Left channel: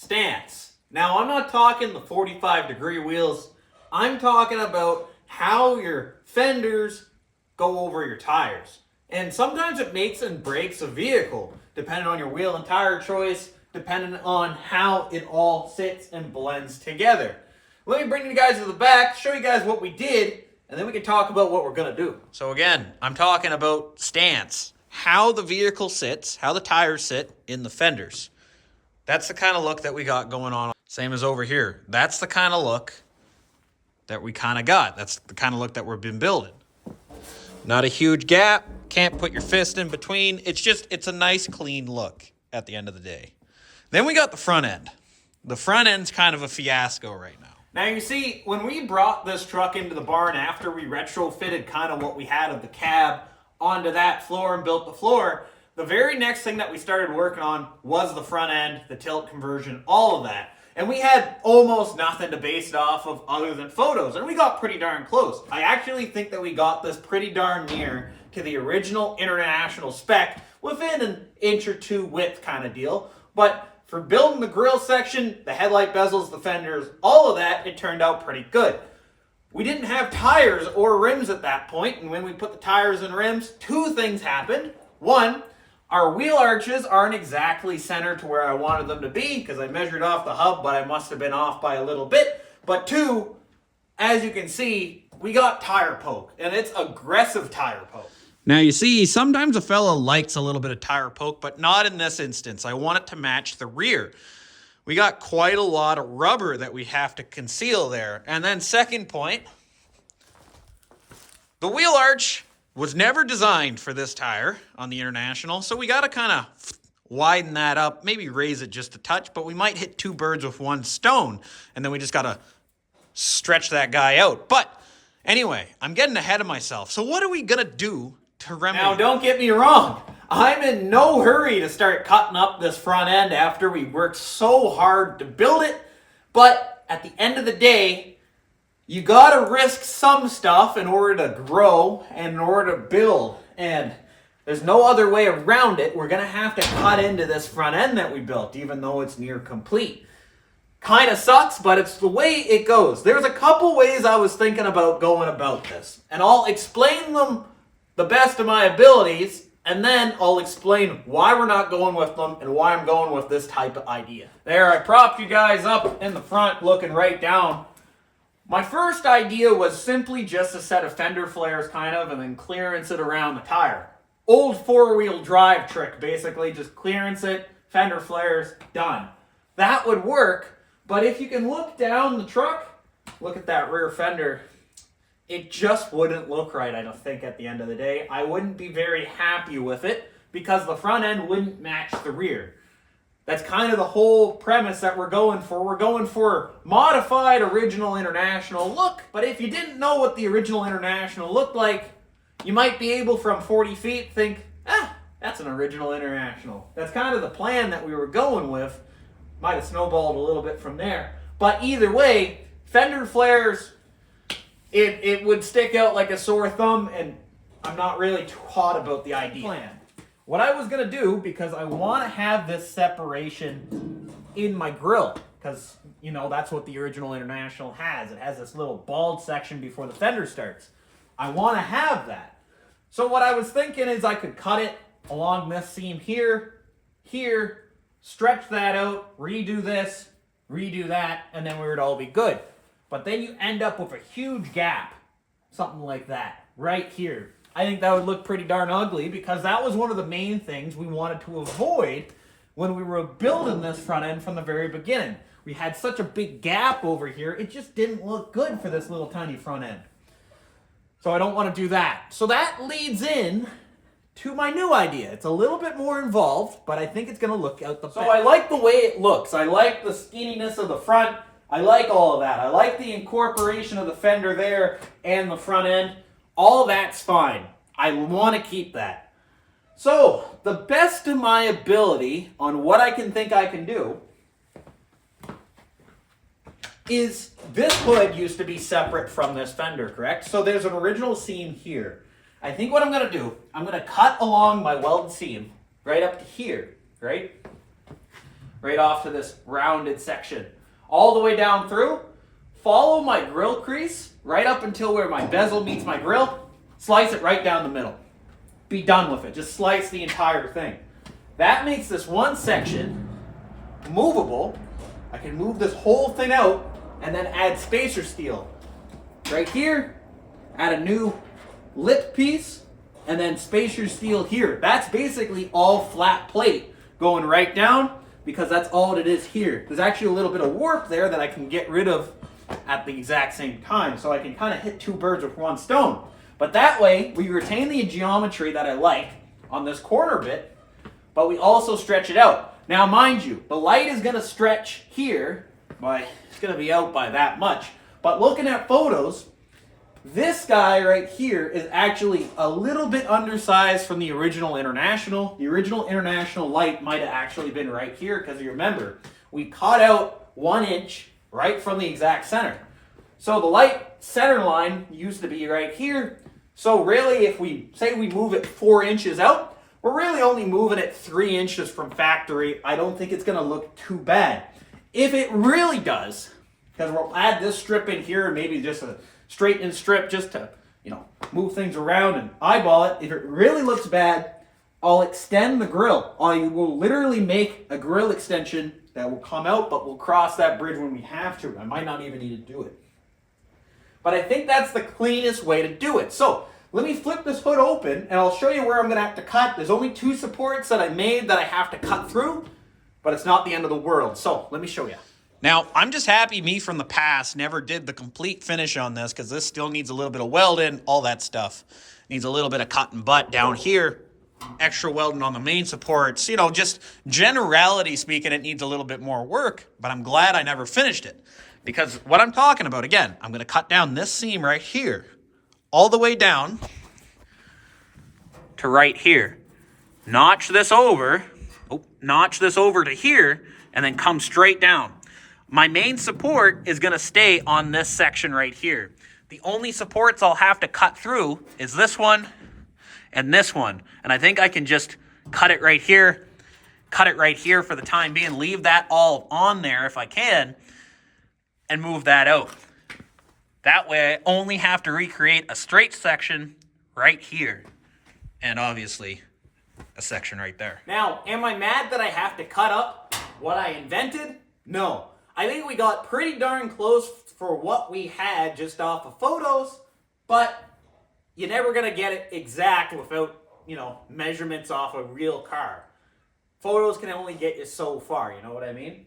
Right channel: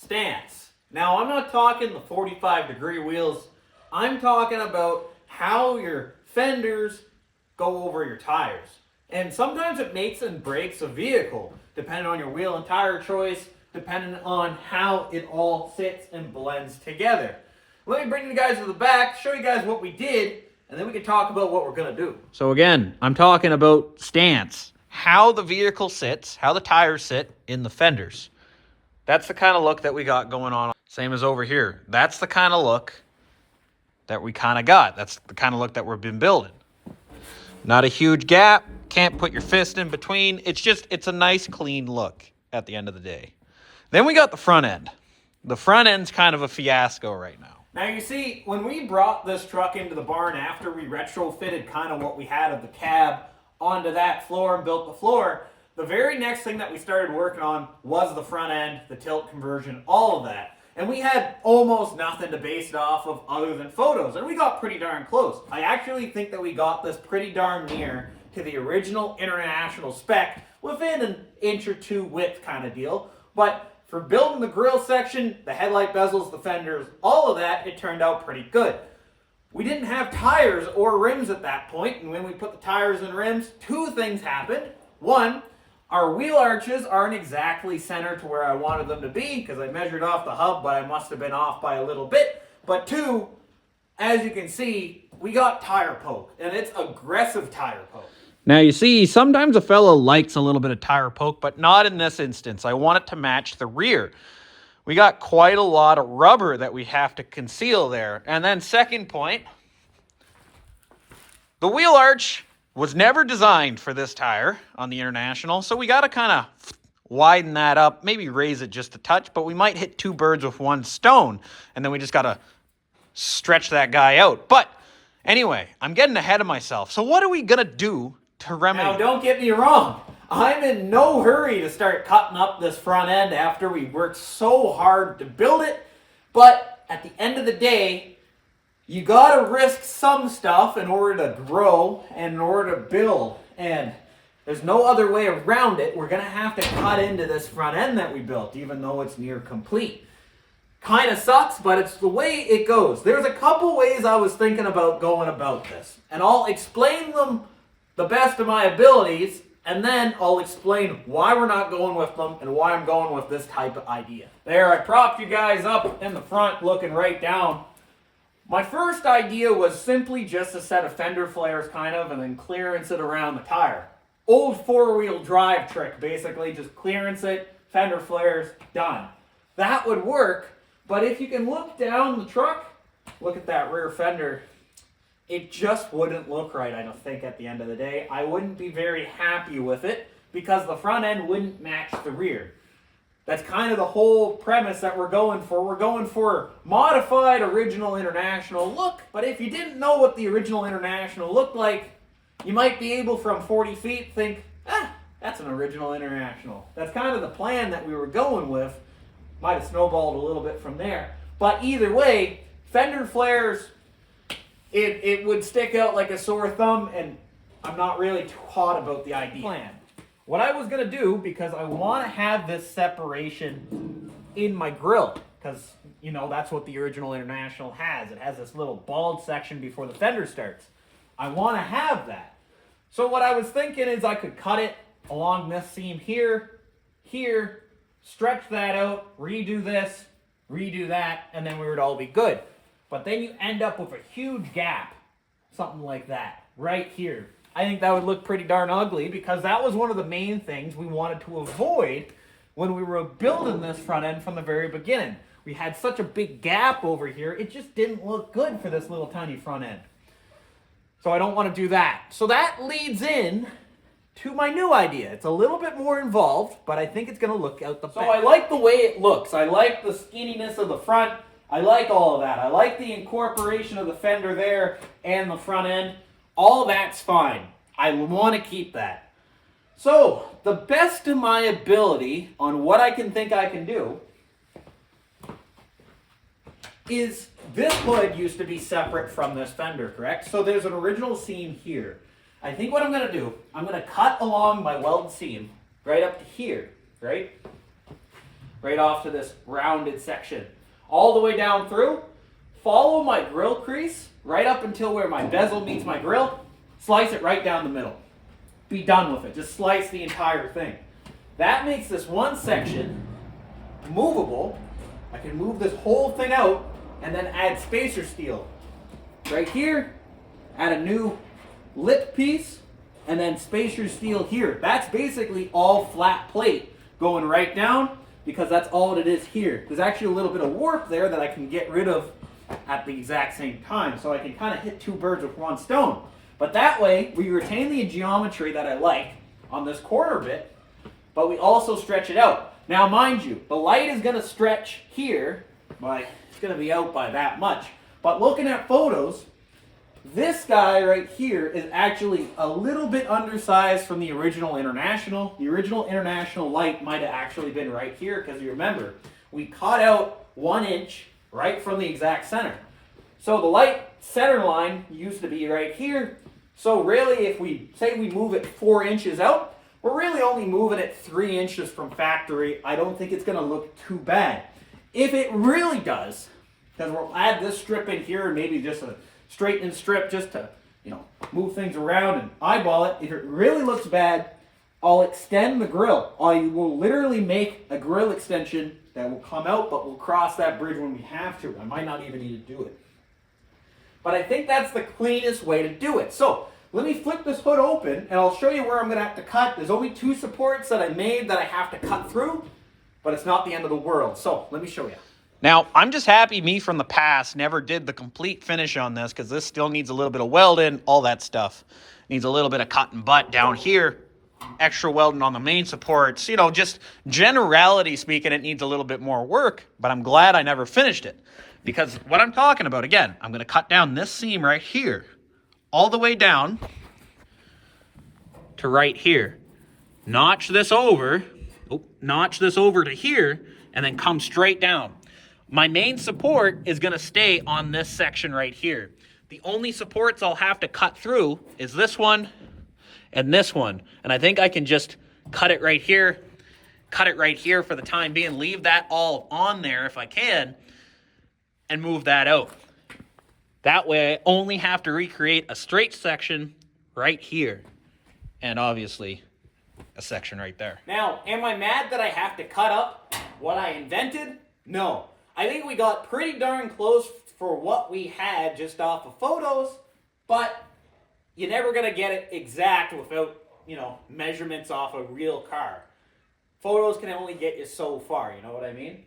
stance. Now, I'm not talking the 45-degree wheels. I'm talking about how your fenders go over your tires. And sometimes it makes and breaks a vehicle, depending on your wheel and tire choice, depending on how it all sits and blends together. Let me bring you guys to the back, show you guys what we did, and then we can talk about what we're going to do. So again, I'm talking about stance. How the vehicle sits, how the tires sit in the fenders. That's the kind of look that we got going on. Same as over here. That's the kind of look that we kind of got. That's the kind of look that we've been building. Not a huge gap. Can't put your fist in between. It's a nice, clean look at the end of the day. Then we got the front end. The front end's kind of a fiasco right now. Now you see, when we brought this truck into the barn after we retrofitted kind of what we had of the cab onto that floor and built the floor, the very next thing that we started working on was the front end, the tilt conversion, all of that. And we had almost nothing to base it off of other than photos, and we got pretty darn close. I actually think that we got this pretty darn near to the original international spec within an inch or two width kind of deal. But for building the grill section, the headlight bezels, the fenders, all of that, it turned out pretty good. We didn't have tires or rims at that point, and when we put the tires and rims, two things happened. One, our wheel arches aren't exactly centered to where I wanted them to be because I measured off the hub, but I must have been off by a little bit. But two, as you can see, we got tire poke, and it's aggressive tire poke. Now you see, sometimes a fellow likes a little bit of tire poke, but not in this instance. I want it to match the rear. We got quite a lot of rubber that we have to conceal there. And then second point, the wheel arch was never designed for this tire on the International, so we got to kind of widen that up, maybe raise it just a touch, but we might hit two birds with one stone, and then we just got to stretch that guy out. But anyway, I'm getting ahead of myself. So what are we going to do to remedy? Now, don't get me wrong. I'm in no hurry to start cutting up this front end after we worked so hard to build it, but at the end of the day, you gotta risk some stuff in order to grow and in order to build. And there's no other way around it. We're gonna have to cut into this front end that we built, even though it's near complete. Kind of sucks, but it's the way it goes. There's a couple ways I was thinking about going about this, and I'll explain them the best of my abilities, and then I'll explain why we're not going with them and why I'm going with this type of idea. There, I propped you guys up in the front looking right down. My first idea was simply just a set of fender flares kind of, and then clearance it around the tire. Old four-wheel drive trick, basically, just clearance it, fender flares, done. That would work, but if you can look down the truck, look at that rear fender, it just wouldn't look right, I don't think, at the end of the day. I wouldn't be very happy with it because the front end wouldn't match the rear. That's kind of the whole premise that we're going for. We're going for modified original International look, but if you didn't know what the original International looked like, you might be able from 40 feet think, that's an original International. That's kind of the plan that we were going with. Might have snowballed a little bit from there. But either way, fender flares, it would stick out like a sore thumb, and I'm not really too hot about the idea. Plan. What I was going to do, because I want to have this separation in my grill, because, you know, that's what the original International has. It has this little bald section before the fender starts. I want to have that. So what I was thinking is I could cut it along this seam here, here, stretch that out, redo this, redo that, and then we would all be good. But then you end up with a huge gap, something like that, right here. I think that would look pretty darn ugly because that was one of the main things we wanted to avoid when we were building this front end from the very beginning. We had such a big gap over here, it just didn't look good for this little tiny front end. So I don't want to do that. So that leads in to my new idea. It's a little bit more involved, but I think it's going to look out the best. So I like the way it looks. I like the skinniness of the front. I like all of that. I like the incorporation of the fender there and the front end. All that's fine. I want to keep that. So, the best of my ability on what I can think I can do is this hood used to be separate from this fender, correct? So there's an original seam here. I think what I'm going to do, I'm going to cut along my welded seam right up to here, right? right off to this rounded section. All the way down through, follow my grill crease right up until where my bezel meets my grill, slice it right down the middle. Be done with it. Just slice the entire thing. That makes this one section movable. I can move this whole thing out and then add spacer steel. Right here, add a new lip piece, and then spacer steel here. That's basically all flat plate going right down because that's all it is here. There's actually a little bit of warp there that I can get rid of at the exact same time, so I can kind of hit two birds with one stone. But that way, we retain the geometry that I like on this corner bit, but we also stretch it out. Now, mind you, the light is going to stretch here by, it's going to be out by that much. But looking at photos, this guy right here is actually a little bit undersized from the original International. The original International light might have actually been right here because you remember, we cut out 1 inch right from the exact center. So the light center line used to be right here. So really, if we say we move it 4 inches out, we're really only moving it 3 inches from factory. I don't think it's going to look too bad. If it really does, because we'll add this strip in here and maybe just a straightening strip just to, move things around and eyeball it. If it really looks bad, I'll extend the grill. I will literally make a grill extension that will come out, but we'll cross that bridge when we have to. I might not even need to do it. But I think that's the cleanest way to do it. So let me flip this hood open and I'll show you where I'm going to have to cut. There's only 2 supports that I made that I have to cut through, but it's not the end of the world. So let me show you. Now, I'm just happy me from the past never did the complete finish on this because this still needs a little bit of welding, all that stuff. Needs a little bit of cut and butt down here, extra welding on the main supports. Just generality speaking, it needs a little bit more work, but I'm glad I never finished it. Because what I'm talking about, again, I'm going to cut down this seam right here, all the way down to right here. Notch this over to here, and then come straight down. My main support is going to stay on this section right here. The only supports I'll have to cut through is this one and this one. And I think I can just cut it right here for the time being, leave that all on there if I can, and move that out. That way I only have to recreate a straight section right here. And obviously a section right there. Now, am I mad that I have to cut up what I invented? No. I think we got pretty darn close for what we had just off of photos, but you're never going to get it exact without, measurements off a real car. Photos can only get you so far, you know what I mean?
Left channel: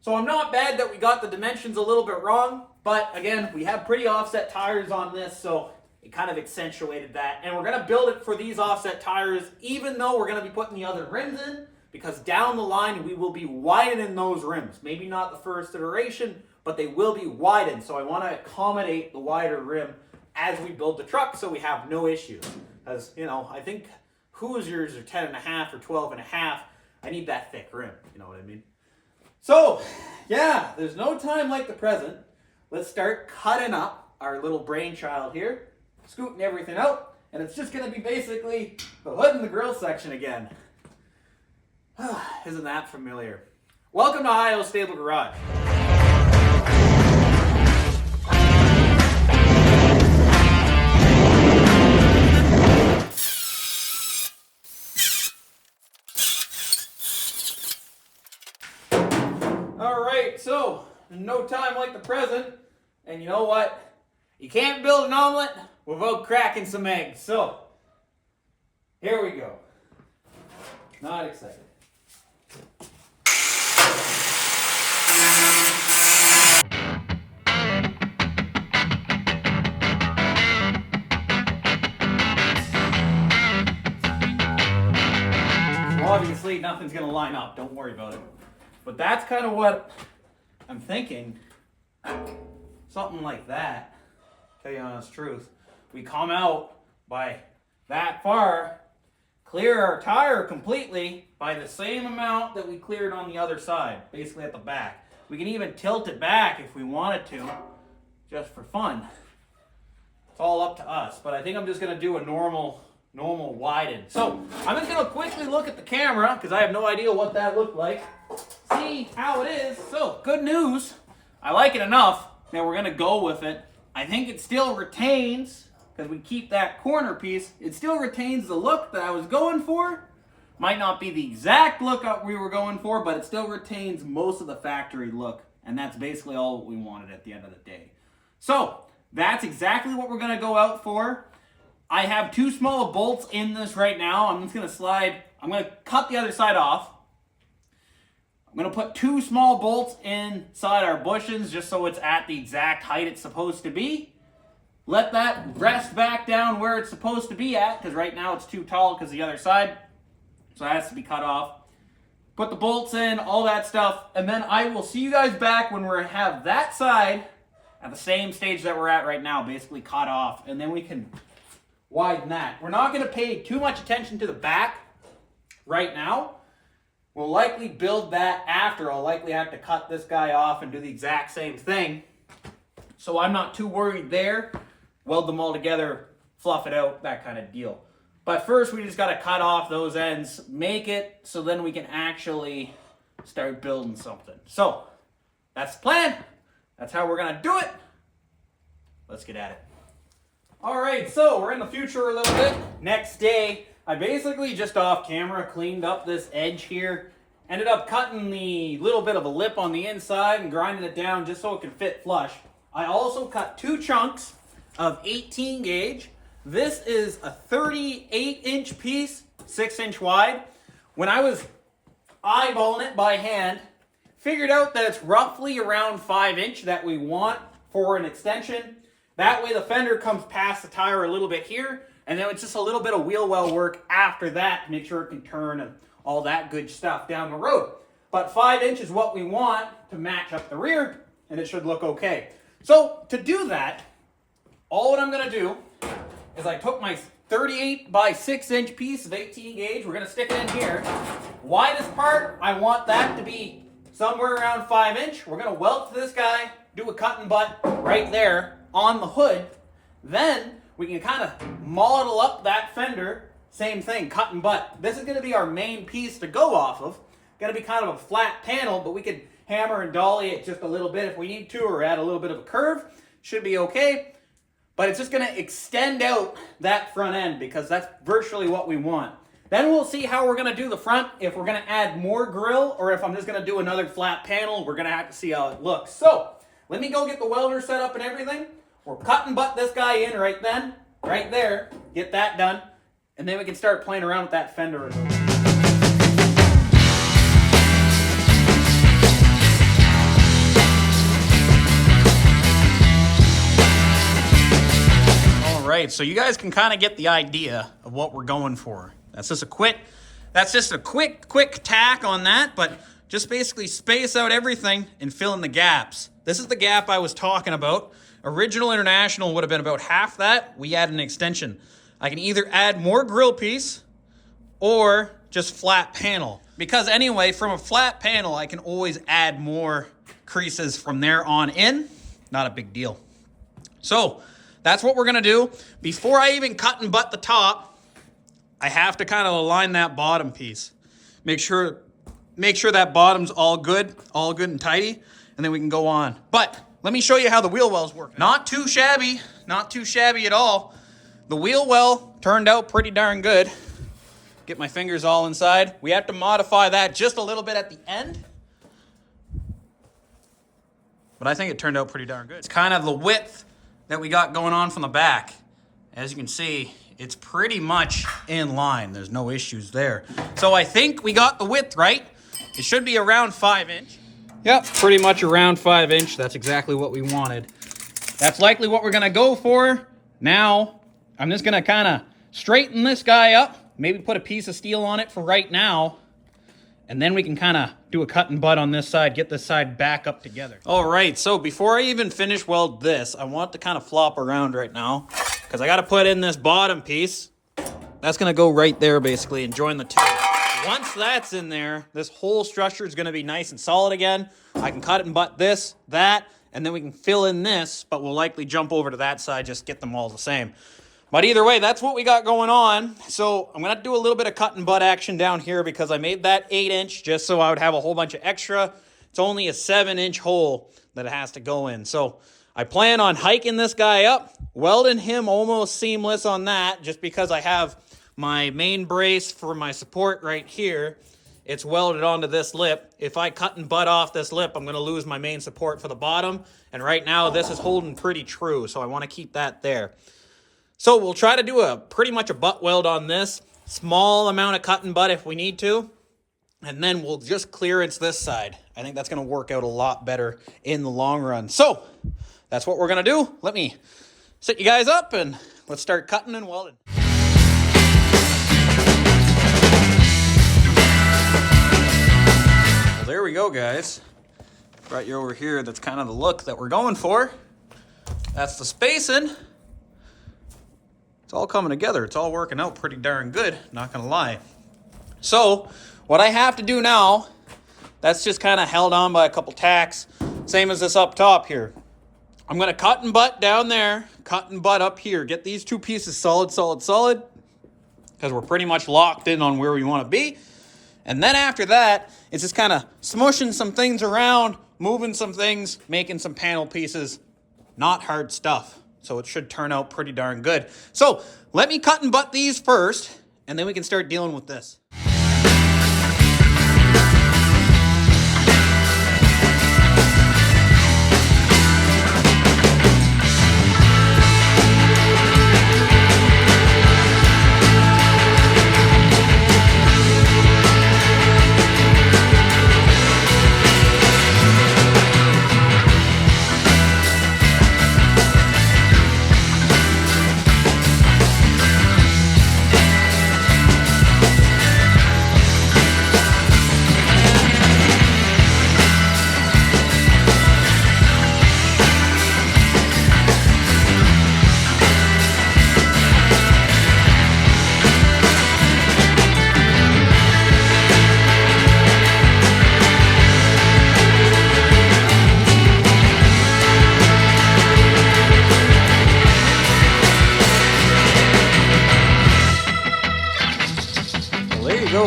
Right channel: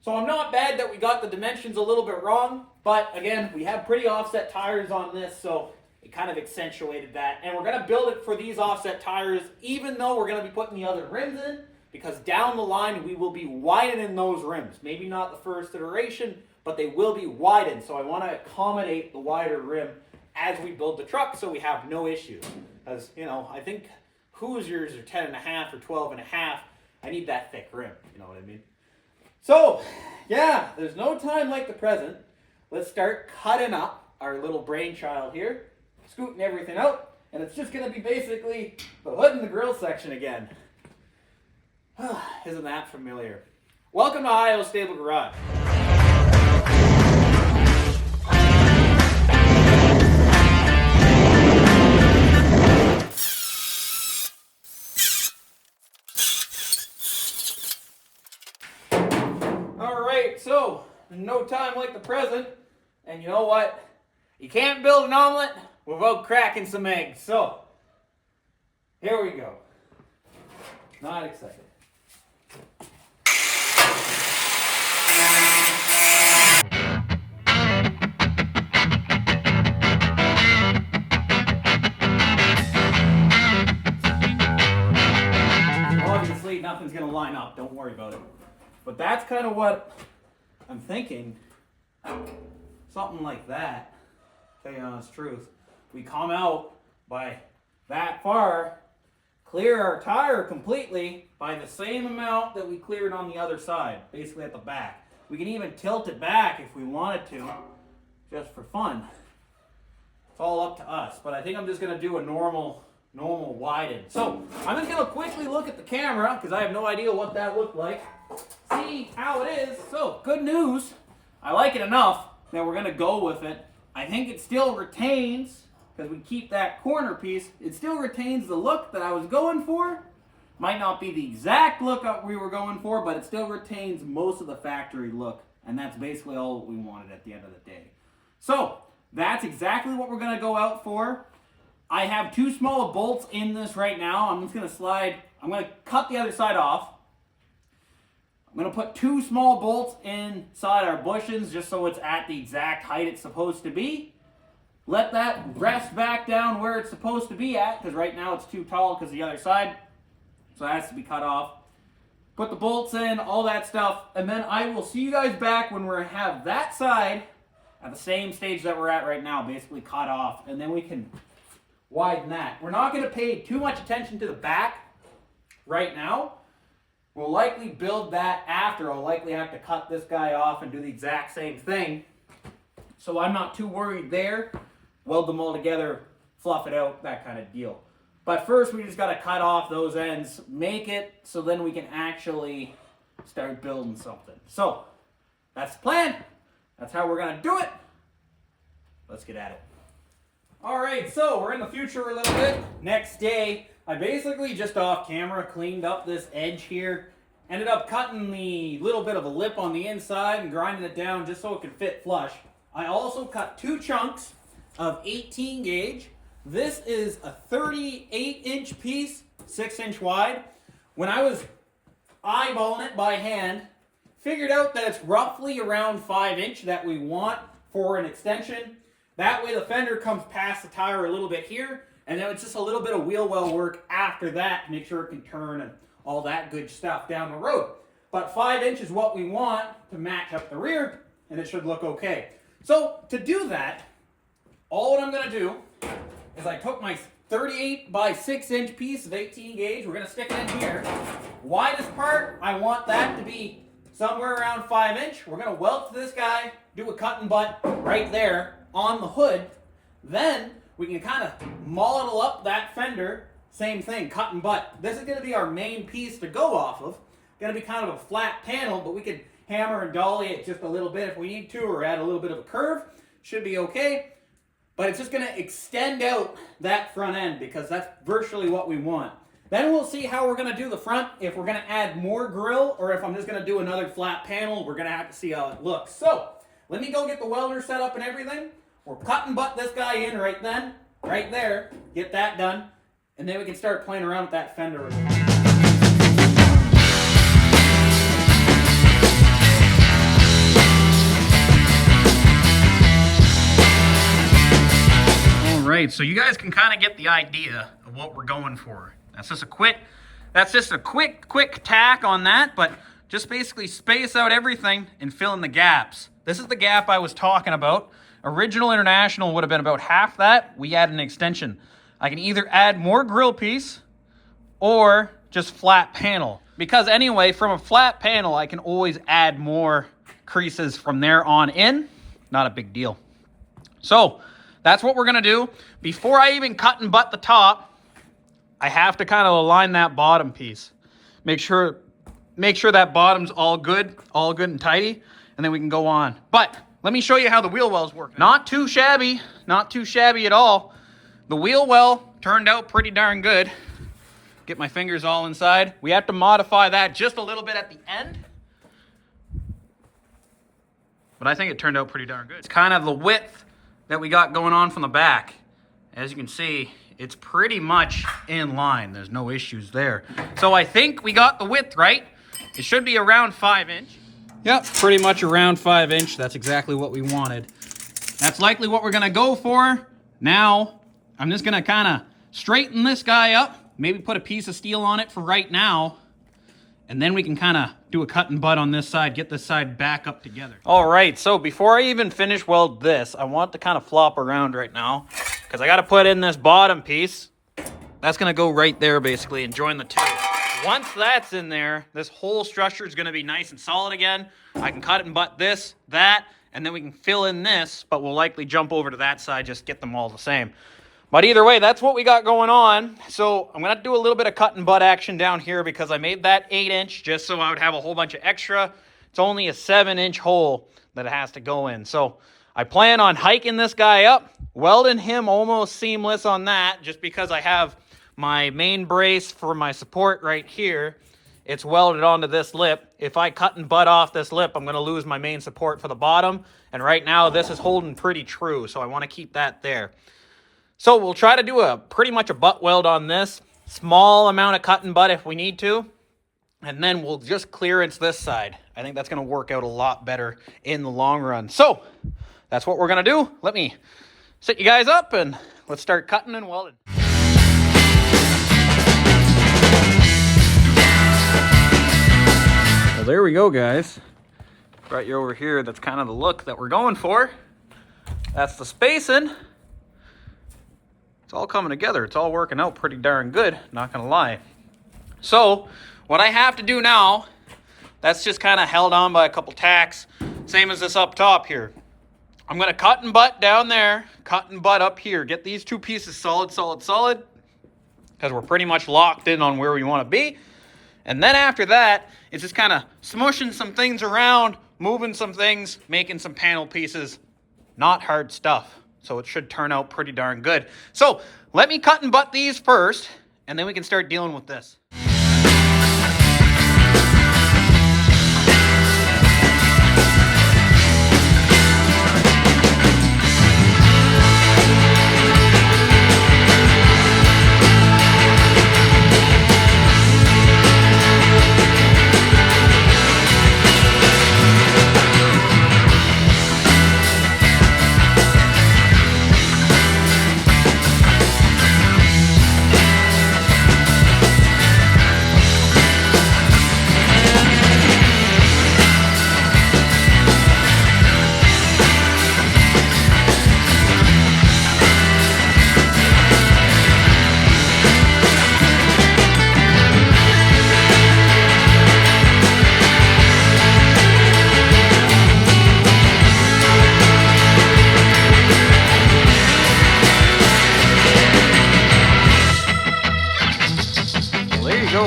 So I'm not bad that we got the dimensions a little bit wrong, but again, we have pretty offset tires on this, so it kind of accentuated that. And we're going to build it for these offset tires, even though we're going to be putting the other rims in, because down the line, we will be widening those rims. Maybe not the first iteration, but they will be widened. So I want to accommodate the wider rim as we build the truck so we have no issues. As I think Hoosiers are 10.5 or 12.5. I need that thick rim, you know what I mean? So, yeah, there's no time like the present. Let's start cutting up our little brainchild here, scooting everything out, and it's just going to be basically the hood and the grill section again. Isn't that familiar? Welcome to Ohio Stable Garage. All right, so no time like the present, and you know what? You can't build an omelet without cracking some eggs. So here we go. Not excited. Obviously, nothing's going to line up. Don't worry about it. But that's kind of what I'm thinking. Something like that. Tell you the honest truth. We come out by that far, clear our tire completely by the same amount that we cleared on the other side, basically at the back. We can even tilt it back if we wanted to, just for fun. It's all up to us, but I think I'm just going to do a normal widen. So I'm just going to quickly look at the camera because I have no idea what that looked like. see how it is. So, good news. I like it enough that we're gonna go with it. I think it still retains, because we keep that corner piece, it still retains the look that I was going for. Might not be the exact look we were going for, but it still retains most of the factory look. And that's basically all we wanted at the end of the day. So, that's exactly what we're gonna go out for. I have 2 small bolts in this right now. I'm just gonna cut the other side off. I'm going to put 2 small bolts inside our bushings just so it's at the exact height it's supposed to be. Let that rest back down where it's supposed to be at, because right now it's too tall because the other side. So it has to be cut off. Put the bolts in, all that stuff, and then I will see you guys back when we have that side at the same stage that we're at right now, basically cut off, and then we can widen that. We're not going to pay too much attention to the back right now. We'll likely build that after. I'll likely have to cut this guy off and do the exact same thing. So I'm not too worried there. Weld them all together, fluff it out, that kind of deal. But first we just got to cut off those ends, make it so then we can actually start building something. So that's the plan. That's how we're going to do it. Let's get at it. All right, so we're in the future a little bit. Next day, I basically just off camera cleaned up this edge here. Ended up cutting the little bit of a lip on the inside and grinding it down just so it could fit flush. I also cut 2 chunks of 18 gauge. This is a 38-inch piece, 6-inch wide. When I was eyeballing it by hand, figured out that it's roughly around 5-inch that we want for an extension. That way the fender comes past the tire a little bit here, and then it's just a little bit of wheel well work after that to make sure it can turn and all that good stuff down the road. But 5 is what we want to match up the rear, and it should look okay. So to do that, all what I'm going to do is I took my 38 by 6-inch piece of 18 gauge. We're going to stick it in here. Widest part, I want that to be somewhere around 5-inch. We're going to weld to this guy, do a cut and butt right there on the hood. Then we can kind of model up that fender. Same thing, cut and butt. This is going to be our main piece to go off of. Going to be kind of a flat panel, but we could hammer and dolly it just a little bit if we need to, or add a little bit of a curve. Should be okay. But it's just going to extend out that front end because that's virtually what we want. Then we'll see how we're going to do the front, if we're going to add more grille or if I'm just going to do another flat panel. We're going to have to see how it looks. So let me go get the welder set up and everything. We'll cut and butt this guy in right then, right there, get that done, and then we can start playing around with that fender. Right, so you guys can kind of get the idea of what we're going for. That's just a quick tack on that, but just basically space out everything and fill in the gaps. This is the gap I was talking about. Original International would have been about half that. We add an extension. I can either add more grill piece or just flat panel. Because anyway, from a flat panel, I can always add more creases from there on in. Not a big deal. So that's what we're going to do. Before I even cut and butt the top, I have to kind of align that bottom piece. Make sure that bottom's all good and tidy, and then we can go on. But let me show you how the wheel wells work. Not too shabby at all. The wheel well turned out pretty darn good. Get my fingers all inside. We have to modify that just a little bit at the end. But I think it turned out pretty darn good. It's kind of the width that we got going on from the back. As you can see, it's pretty much in line. There's no issues there. So I think we got the width right. It should be around 5-inch. Yep, pretty much around 5-inch. That's exactly what we wanted. That's likely what we're gonna go for. Now, I'm just gonna kind of straighten this guy up, maybe put a piece of steel on it for right now, and then we can kind of do a cut and butt on this side, get this side back up together. All right, so before I even finish weld this, I want to kind of flop around right now because I got to put in this bottom piece. That's going to go right there basically and join the two. Once that's in there, this whole structure is going to be nice and solid again. I can cut and butt this, that, and then we can fill in this, but we'll likely jump over to that side, just get them all the same. But either way, that's what we got going on. So I'm going to do a little bit of cut and butt action down here because I made that 8-inch just so I would have a whole bunch of extra. It's only a 7-inch hole that it has to go in. So I plan on hiking this guy up, welding him almost seamless on that just because I have my main brace for my support right here. It's welded onto this lip. If I cut and butt off this lip, I'm going to lose my main support for the bottom. And right now this is holding pretty true, so I want to keep that there. So we'll try to do pretty much a butt weld on this. Small amount of cut and butt if we need to. And then we'll just clearance this side. I think that's going to work out a lot better in the long run. So that's what we're going to do. Let me sit you guys up and let's start cutting and welding. Well, there we go, guys. Brought you over here. That's kind of the look that we're going for. That's the spacing. It's all coming together. It's all working out pretty darn good, not gonna lie. So what I have to do now, that's just kind of held on by a couple tacks, same as this up top here. I'm gonna cut and butt down there, cut and butt up here, get these two pieces solid, because we're pretty much locked in on where we want to be. And then after that, it's just kind of smushing some things around, moving some things, making some panel pieces. Not hard stuff. So it should turn out pretty darn good. So let me cut and butt these first, and then we can start dealing with this.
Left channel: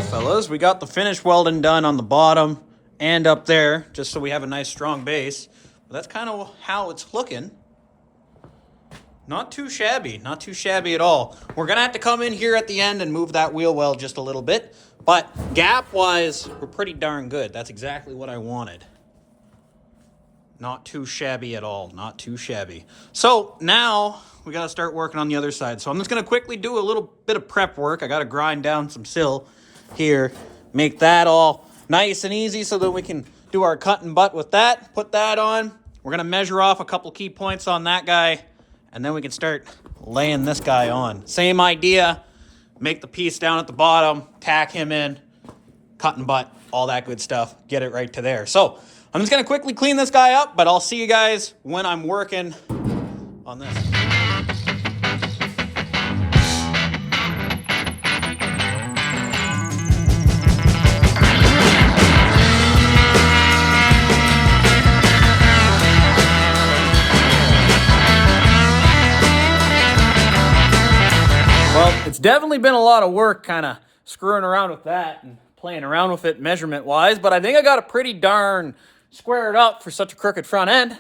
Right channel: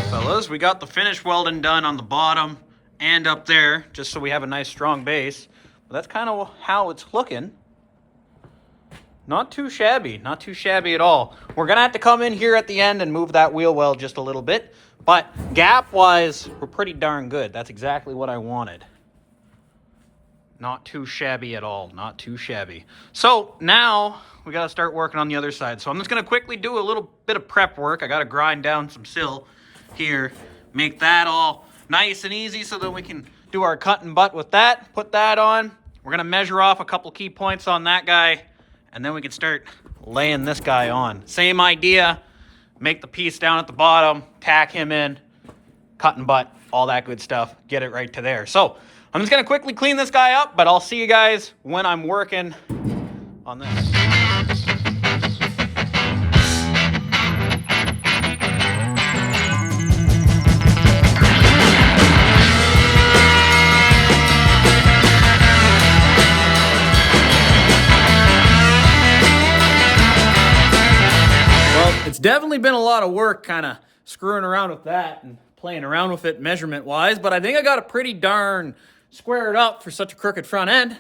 Fellas, we got the finish welding done on the bottom and up there just so we have a nice strong base. But that's kind of how it's looking. Not too shabby at all. We're gonna have to come in here at the end and move that wheel well just a little bit, but gap wise we're pretty darn good. That's exactly what I wanted. Not too shabby at all, not too shabby. So now we gotta start working on the other side. So I'm just gonna quickly do a little bit of prep work. I gotta grind down some sill here, make that all nice and easy so that we can do our cut and butt with that. Put that on. We're gonna measure off a couple key points on that guy, and then we can start laying this guy on. Same idea, make the piece down at the bottom, tack him in, cut and butt, all that good stuff, get it right to there. So I'm just gonna quickly clean this guy up, but I'll see you guys when I'm working on this. It's definitely been a lot of work kind of screwing around with that and playing around with it measurement-wise, but I think I got it pretty darn squared up for such a crooked front end.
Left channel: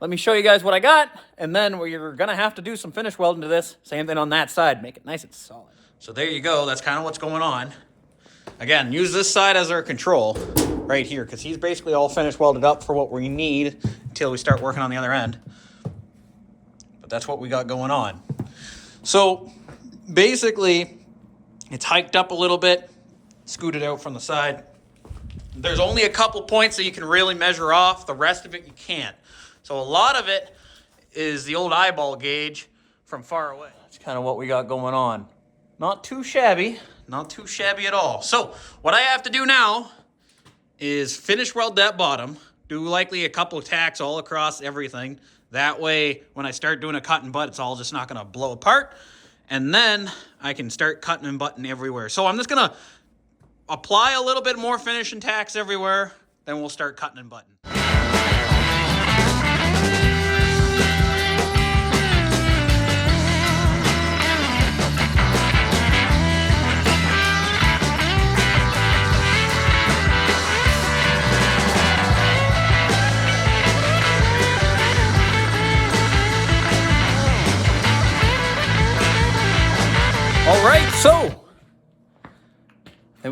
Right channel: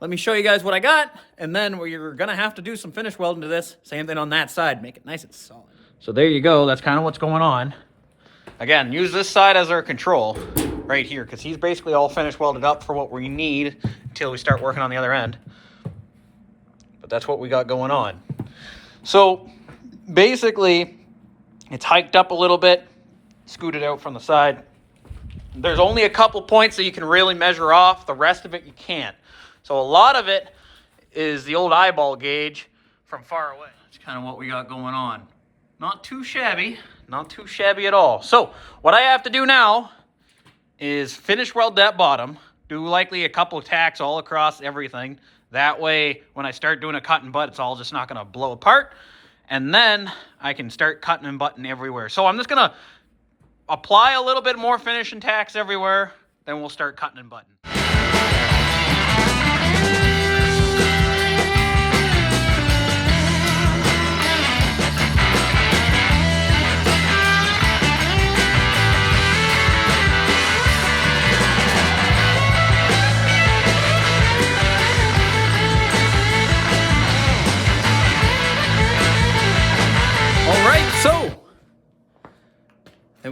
Let me show you guys what I got, and then we're going to have to do some finish welding to this. Same thing on that side. Make it nice and solid. So there you go. That's kind of what's going on. Again, use this side as our control right here because he's basically all finish welded up for what we need until we start working on the other end. But that's what we got going on. So basically, it's hiked up a little bit, scooted out from the side. There's only a couple points that you can really measure off. The rest of it you can't. So a lot of it is the old eyeball gauge from far away. That's kind of what we got going on. Not too shabby. Not too shabby at all. So what I have to do now is finish weld that bottom. Do likely a couple of tacks all across everything. That way, when I start doing a cut and butt, it's all just not going to blow apart. And then I can start cutting and butting everywhere. So I'm just going to apply a little bit more finishing tacks everywhere. Then we'll start cutting and butting.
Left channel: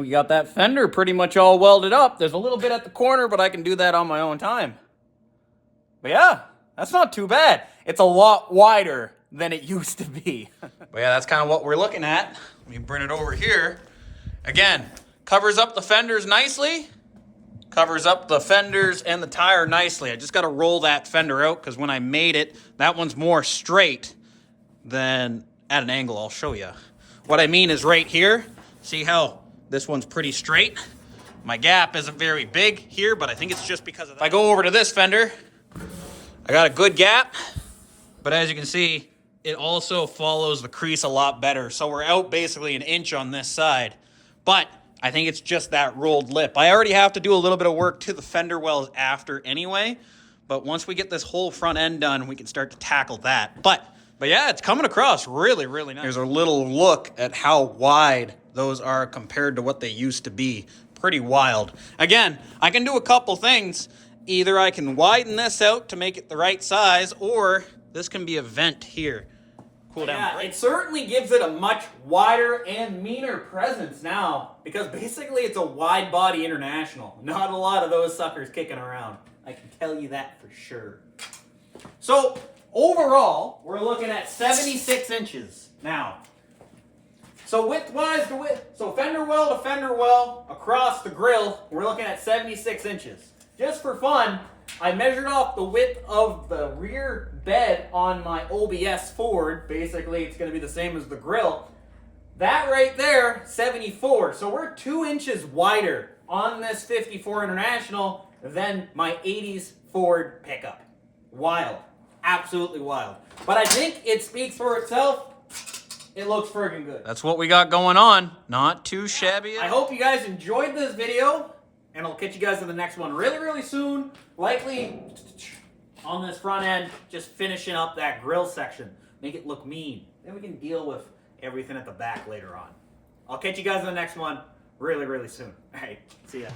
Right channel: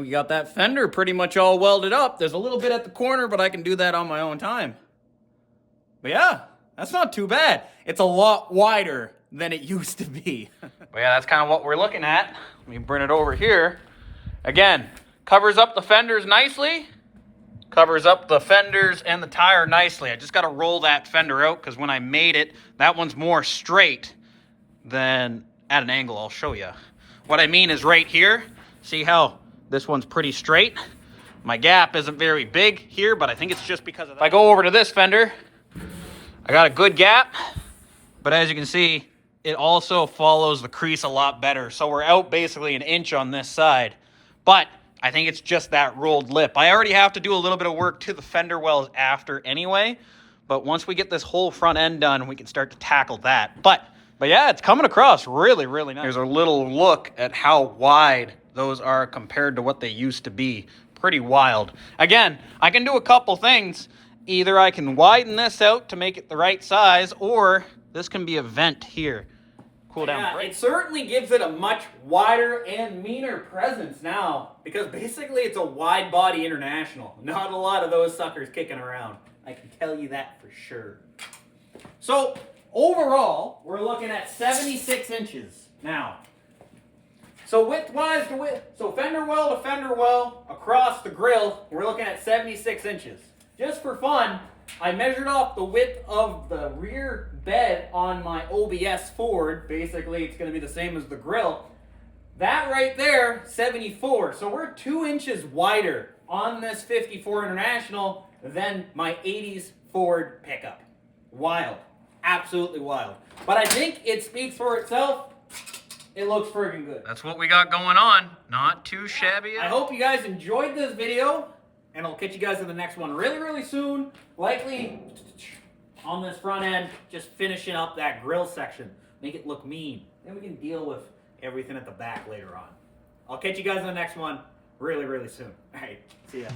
we got that fender pretty much all welded up. There's a little bit at the corner, but I can do that on my own time. But yeah, that's not too bad. It's a lot wider than it used to be. But yeah, that's kind of what we're looking at. Let me bring it over here. Again, covers up the fenders nicely. Covers up the fenders and the tire nicely. I just got to roll that fender out because when I made it, that one's more straight than at an angle. I'll show you. What I mean is right here. See how this one's pretty straight? My gap isn't very big here, but I think it's just because of that. If I go over to this fender, I got a good gap, but as you can see, it also follows the crease a lot better. So we're out basically an inch on this side, but I think it's just that rolled lip. I already have to do a little bit of work to the fender wells after anyway, but once we get this whole front end done, we can start to tackle that. But yeah, it's coming across really, really nice. Here's a little look at how wide those are compared to what they used to be. Pretty wild. Again, I can do a couple things. Either I can widen this out to make it the right size, or this can be a vent here. Cool down. Yeah, it certainly gives it a much wider and meaner presence now, because basically it's a wide body International. Not a lot of those suckers kicking around. I can tell you that for sure. So overall, we're looking at 76 inches now. So width-wise to width, so fender well to fender well across the grill, we're looking at 76 inches. Just for fun, I measured off the width of the rear bed on my OBS Ford. Basically, it's going to be the same as the grill. That right there, 74. So we're 2 inches wider on this 54 International than my 80s Ford pickup. Wild. Absolutely wild. But I think it speaks for itself. It looks friggin' good. That's what we got going on. Not too shabby. I hope you guys enjoyed this video, and I'll catch you guys in the next one really, really soon. Likely on this front end, just finishing up that grill section. Make it look mean. Then we can deal with everything at the back later on. I'll catch you guys in the next one really, really soon. All right, see ya.